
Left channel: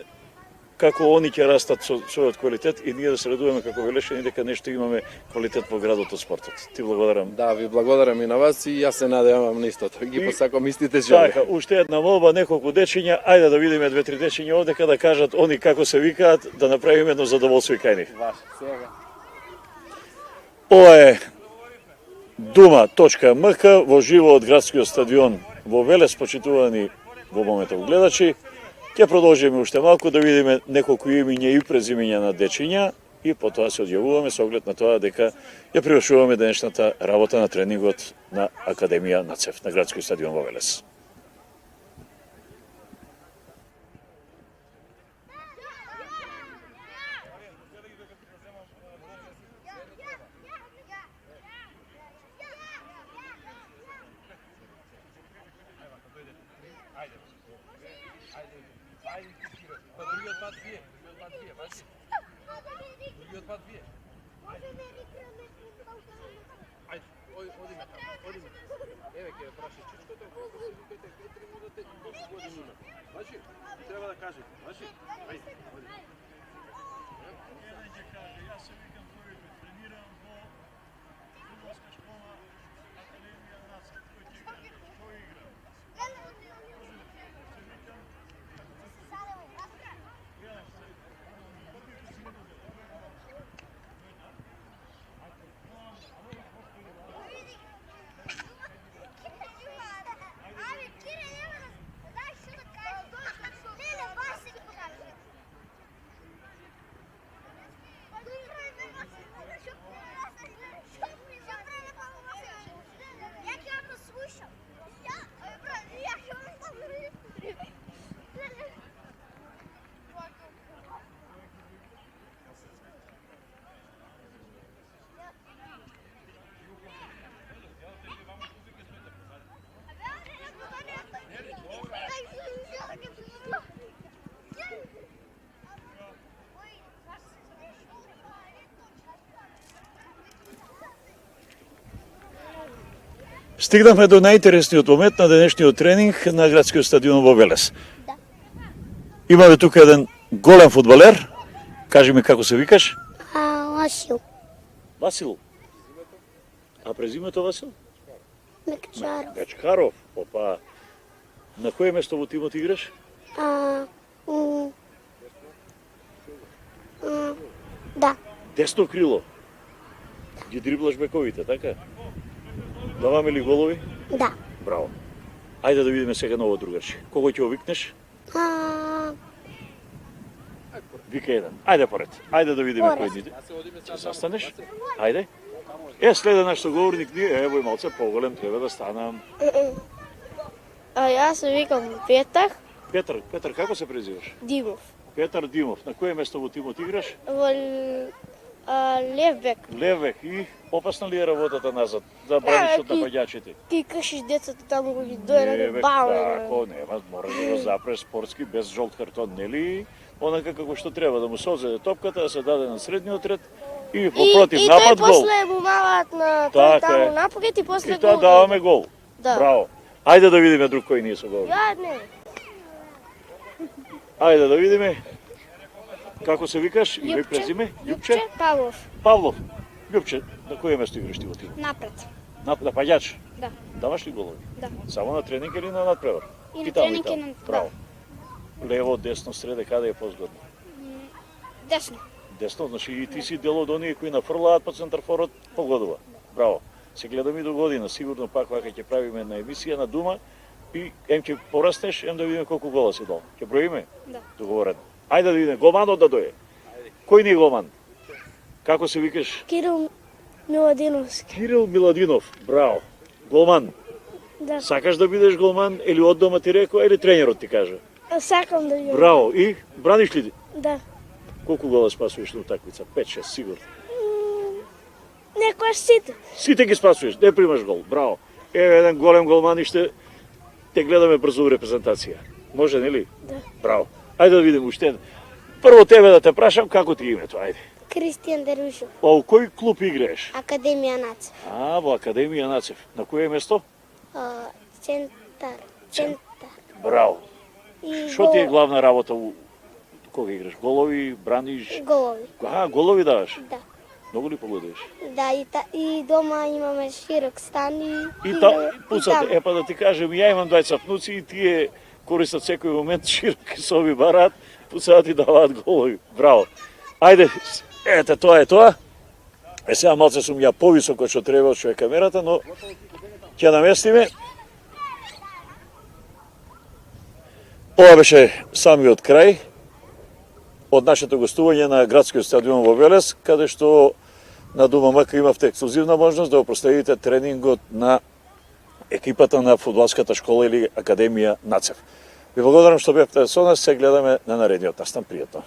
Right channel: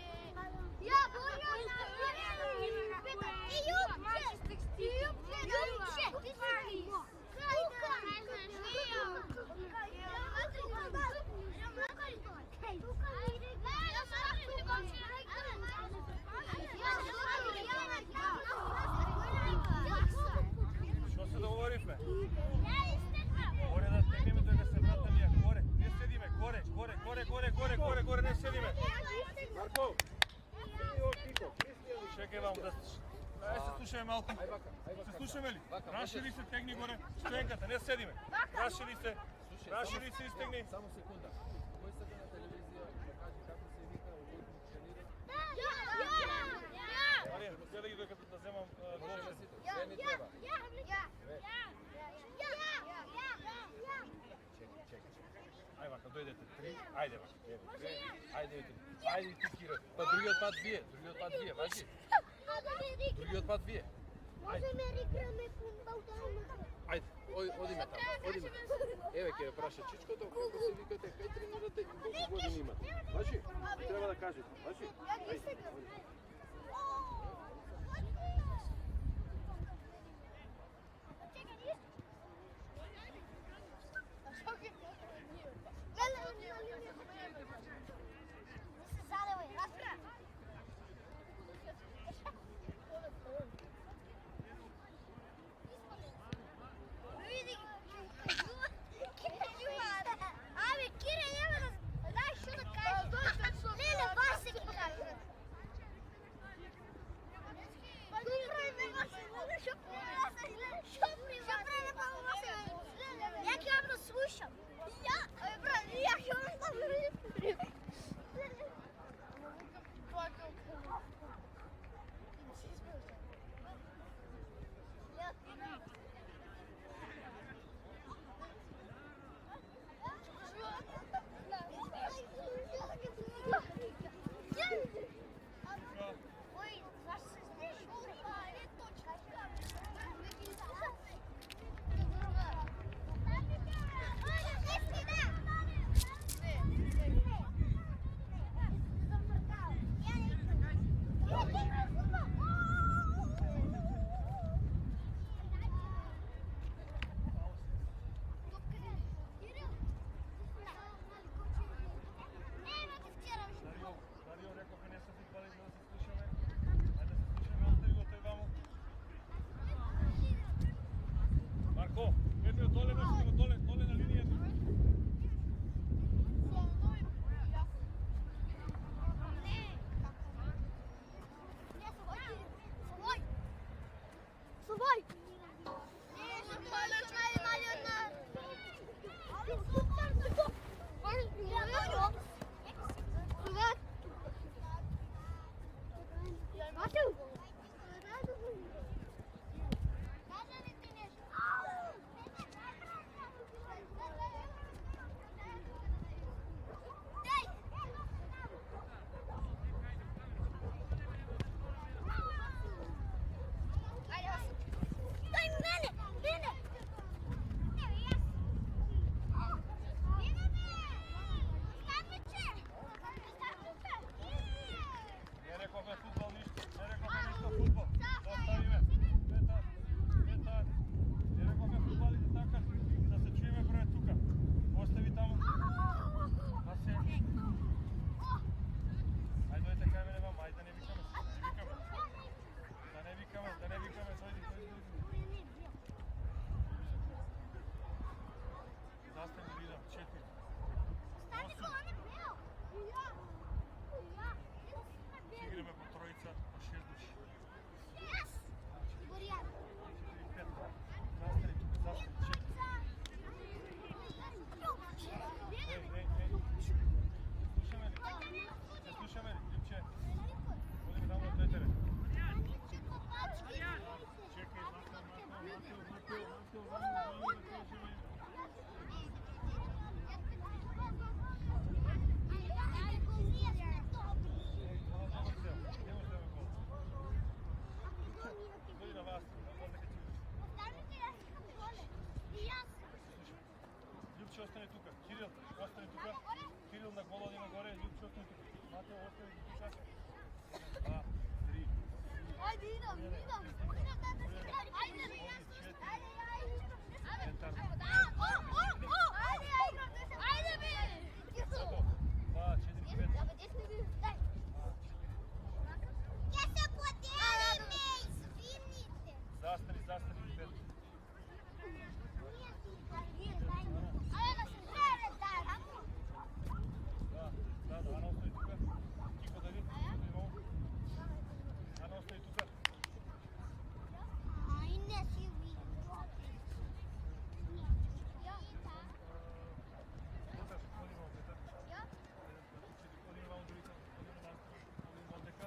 како они ќе растат со својот квалитет и ние да се радуваме како велешани дека нешто имаме квалитет во градот од спортот. Ти благодарам. Да, ви благодарам и на вас и јас се надевам на истото. Ги посакувам истите жели. Така, уште една молба, неколку дечиња, ајде да видиме 2-3 дечиња овдека да кажат они како се викаат, да направиме едно задоволство и кај нив. Ова е Дума.мк во живо од градскиот стадион во Велес, почитувани во моментот гледачи. Ќе продолжиме уште малку да видиме неколку имиња и презимиња на дечиња и потоа се одјавуваме со оглед на тоа дека ја привршуваме денешната работа на тренингот на Академија на ЦЕФ на градскиот стадион во Велес. Па другиот пат вие, важи. Другиот пат вие. Ајде, одиме таму, Еве ќе праша чичкото, колку се викате, кој тренирате, колку години има. Важи, треба да кажете, важи. Стигнахме до најинтересниот момент на денешниот тренинг на градскиот стадион во Велес. Да. Имаме тука еден голем фудбалер. Кажи ми како се викаш? Васил. Васил. А презимето Васил? Мекчаров. Гачкаров. Опа. На кое место во тимот играш? Да. Десно крило. Ги дриблаш бековите, така? Даваме ли голови? Да. Браво. Ајде да видиме сега ново другарче. Кого ќе овикнеш? Вика еден. Ајде поред. Ајде да видиме кој ниде. Ќе застанеш? Ајде. Следе нашто говорник ние, ево и малце поголем треба да станам. Јас се викам Петар Петар, како се презиваш? Димов. Петар Димов. На кое место во тимот играш? Во левбек. Левек. И опасна ли е работата назад? Да браниш од напаѓачите? Ти кршиш децата таму го ги дојде Левек, баво. тако, нема, мораш да го запреш спортски, без жолт картон, нели? Онака како што треба, да му се одзеде топката, да се даде на средниот ред и по против И напад тој гол. после му малат на Така тој таму е. напред и после И тоа гол. даваме гол. Да. Браво. Ајде да видиме друг кој ние се гол. Ја не. Ајде да видиме. Како се викаш? Име и презиме? Љупче? Павлов. Павлов. Љупче, на кое место играш ти во тим? Напред. Напаѓач? Да. Даваш ли голови? Да. Само на тренинг или на надпревар? И на таму, тренинг, таму. и на- Браво. Лево, десно, среде, каде е позгодно? Десно. Десно, значи и ти си дел од оние кои нафрлаат по центарфорот, погодува. Браво. Се гледам и до година, сигурно пак вака ќе правиме на емисија на дума и ем ќе порастеш, ем да видиме колку гола си дал. Ќе броиме? Да. Договорен. Ајде да видиме, голманот да дојде. Кој ни е голман? Како се викаш? Кирил Миладиновски. Кирил Миладинов. Браво. Голман. Да. Сакаш да бидеш голман или од дома ти рекоа или тренерот ти кажа? Сакам да видам. Браво. И браниш ли? Да. Колку гола спасуваш на утакмица? 5-6 сигурно. Некојаш сите. Сите ги спасуваш, не примаш гол. Браво. Еве еден голем голман и ще те гледаме брзо у репрезентација. Може, нели? Да. Браво. Ајде да видиме уште еден. Прво тебе да те прашам како ти е името, ајде. Кристијан Дервишов. А у кој клуб играеш? Академија Нац. Во Академија Нацев. На кое место? Центар. Браво. И Што ти е главна работа кога играш? Голови, браниш? голови. Голови даваш? Да. Многу ли погодиш? Да, и дома имаме широк стан И пуцате, па да ти кажем, ја имам двајца внуци и тие користат секој момент широки соби барат, пуцаат и даваат голови. Браво. Ајде, ете, тоа е тоа. Сега малце сум ја повисоко што треба, што е камерата, но ќе наместиме. Ова беше самиот крај од нашето гостување на градскиот стадион во Велес, каде што на Дума МК имавте ексклузивна можност да го проследите тренингот на екипата на фудбалската школа или Академија Нацев. Ви благодарам што бевте со нас, се гледаме на наредниот настан. Пријатно.